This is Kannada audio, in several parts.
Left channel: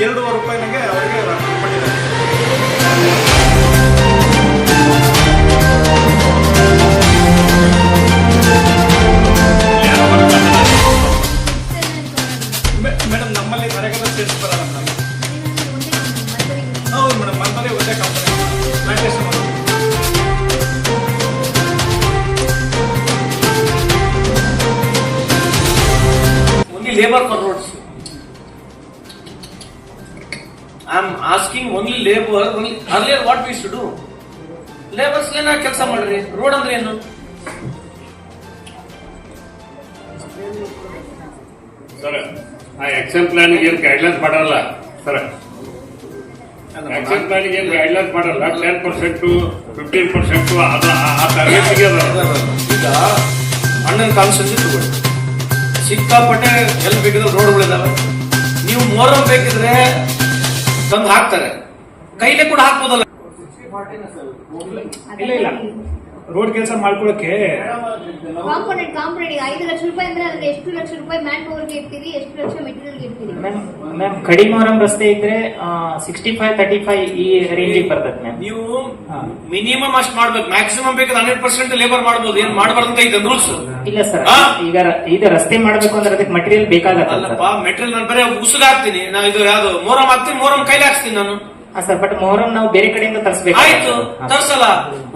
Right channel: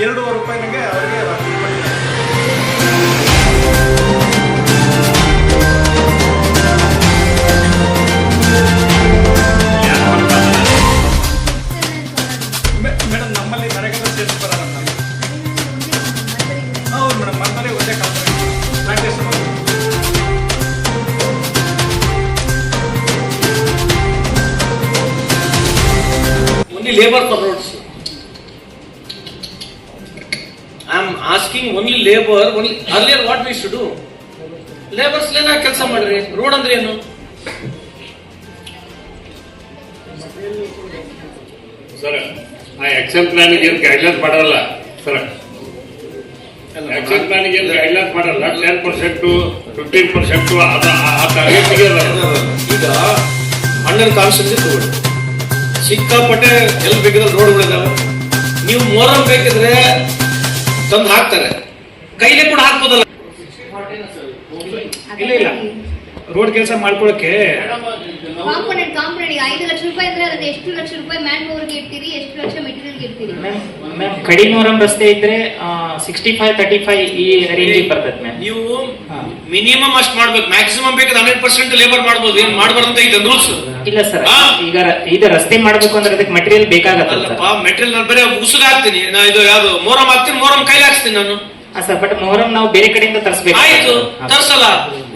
ರೂಪಾಯಿನಾಗೆ ಅವರಿಗೆ ಕೊಟ್ಟಿದ್ದಾರೆ. ಯಾರು ಬರ್ತಾರೆ? ಮೇಡಮ್ ನಮ್ಮಲ್ಲಿ ನರೇಗಾದ ಸೇರ್ಸ್ ಬರಲ್ಲ ಮೇಡಮ್. ಹೌದು ಮೇಡಮ್ ನಮ್ಮಲ್ಲಿ ಒಂದೇ company plantation only labor for am asking only labour only earlier what we should we labours do? ಏನ ಕೆಲಸ ಮಾಡ್ರಿ? ರೋಡ್ ಅಂದ್ರೆ ಏನು? ಸರ್ ಆ ಆಕ್ಷನ್ ಪ್ಲಾನಿಗೆ ಏನು ಗೈಡ್ಲೈನ್ಸ್ ಮಾಡಲ್ಲ? ಸರ್ ಆಕ್ಷನ್ ಪ್ಲಾನಿಗೆ ಏನು ಗೈಡ್ಲೈನ್ಸ್ ಮಾಡಲ್ಲ? ಟೆನ್ ಪರ್ಸೆಂಟ್ ಫಿಫ್ಟೀನ್ ಪರ್ಸೆಂಟ್ ಅದ. ಈಗ ಅಣ್ಣನ ಕಾನ್ಸ್ಟೆನ್ಸಿ ತಗೊಳ್ಳಿ. ಸಿಕ್ಕಾಪಟ್ಟೆ ಎಲ್ಲಿ ಬೇಕಿದ್ರೆ ರೋಡ್ಗಳಿದಾವೆ ನೀವು ಮೋರಲ್ ಬೇಕಿದ್ರೆ ತಂದು ಹಾಕ್ತಾರೆ. ಕೈಲೇ ಕೂಡ ಹಾಕ್ಬೋದಲ್ಲ. ಇಲ್ಲ ಇಲ್ಲ. ರೋಡ್ ಕೆಲಸ ಮಾಡ್ಕೊಳಕ್ಕೆ ಕಾಂಪೊನೆಂಟ್ ಕಾಂಪೊನೆಂಟ್ ಐದು ಲಕ್ಷ ರೂಪಾಯಿ ಅಂದ್ರೆ ಅದಕ್ಕೆ ಎಷ್ಟು ಲಕ್ಷ ರೂಪಾಯಿ ಮ್ಯಾನ್ ಪವರ್ಗೆ ಇರ್ತೀರಿ ಎಷ್ಟು ಲಕ್ಷ ಮೆಟೀರಿಯಲ್ಗೆ ಇರ್ತೀರಿ ಮ್ಯಾಮ್ ಮ್ಯಾಮ್ ಕಡಿಮವರಂ ರಸ್ತೆ ಇದ್ರೆ ಸಿಕ್ಸ್ಟಿ ಫೈವ್ ತರ್ಟಿ ಫೈವ್ ಈ ರೇಂಜಿಗೆ ಬರ್ತದೆ ಮ್ಯಾಮ್ ನೀವು ಮಿನಿಮಮ್ ಅಷ್ಟು ಮಾಡ್ಬೇಕು. ಮ್ಯಾಕ್ಸಿಮಮ್ ಬೇಕಾದ್ರೆ ಹಂಡ್ರೆಡ್ ಪರ್ಸೆಂಟ್ ಲೇಬರ್ ಮಾಡ್ಬೋದು. ಏನ್ ಮಾಡಬಾರ್ದಂತ ಐತೆ ರೂಲ್ಸ್ ಇಲ್ಲ ಸರ್? ಈಗ ಇದು ರಸ್ತೆ ಮಾಡ್ಬೇಕು ಅಂದ್ರೆ ಅದಕ್ಕೆ ಮಟೀರಿಯಲ್ ಬೇಕಾಗತ್ತಲ್ಲಪ್ಪ ಮೆಟೀರಿಯಲ್ ನಾನು ಬರೀ ಉಸುಗ ಹಾಕ್ತೀನಿ. ನಾ ಇದು ಯಾವ್ದು ಮೋರಂ ಹಾಕ್ತೀನಿ ಮೋರಂ ಕೈಲಿ ಹಾಕ್ತೀನಿ ನಾನು. ಸರ್ ಬಟ್ ಮೊಹರಂ ನಾವು ಬೇರೆ ಕಡೆಯಿಂದ ತರಿಸ್ಬೇಕು ಆಯ್ತು ತರ್ಸಲ್ಲ.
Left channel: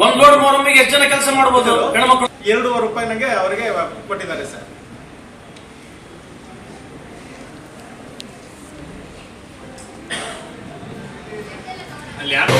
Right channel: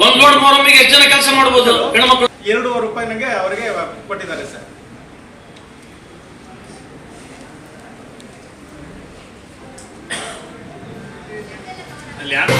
ಒಂದ್ ಲೋಡ್ ಮೊರಮ್ಮಿಗೆ ಎಷ್ಟು ಜನ ಕೆಲಸ ಮಾಡ್ಬೋದು? ಹೆಣ್ಮಕ್ಳು ಎರಡೂವರೆ ರೂಪಾಯಿನಾಗೆ ಅವರಿಗೆ ಕೊಟ್ಟಿದ್ದಾರೆ ಸರ್. ಅಲ್ಲಿ ಯಾರು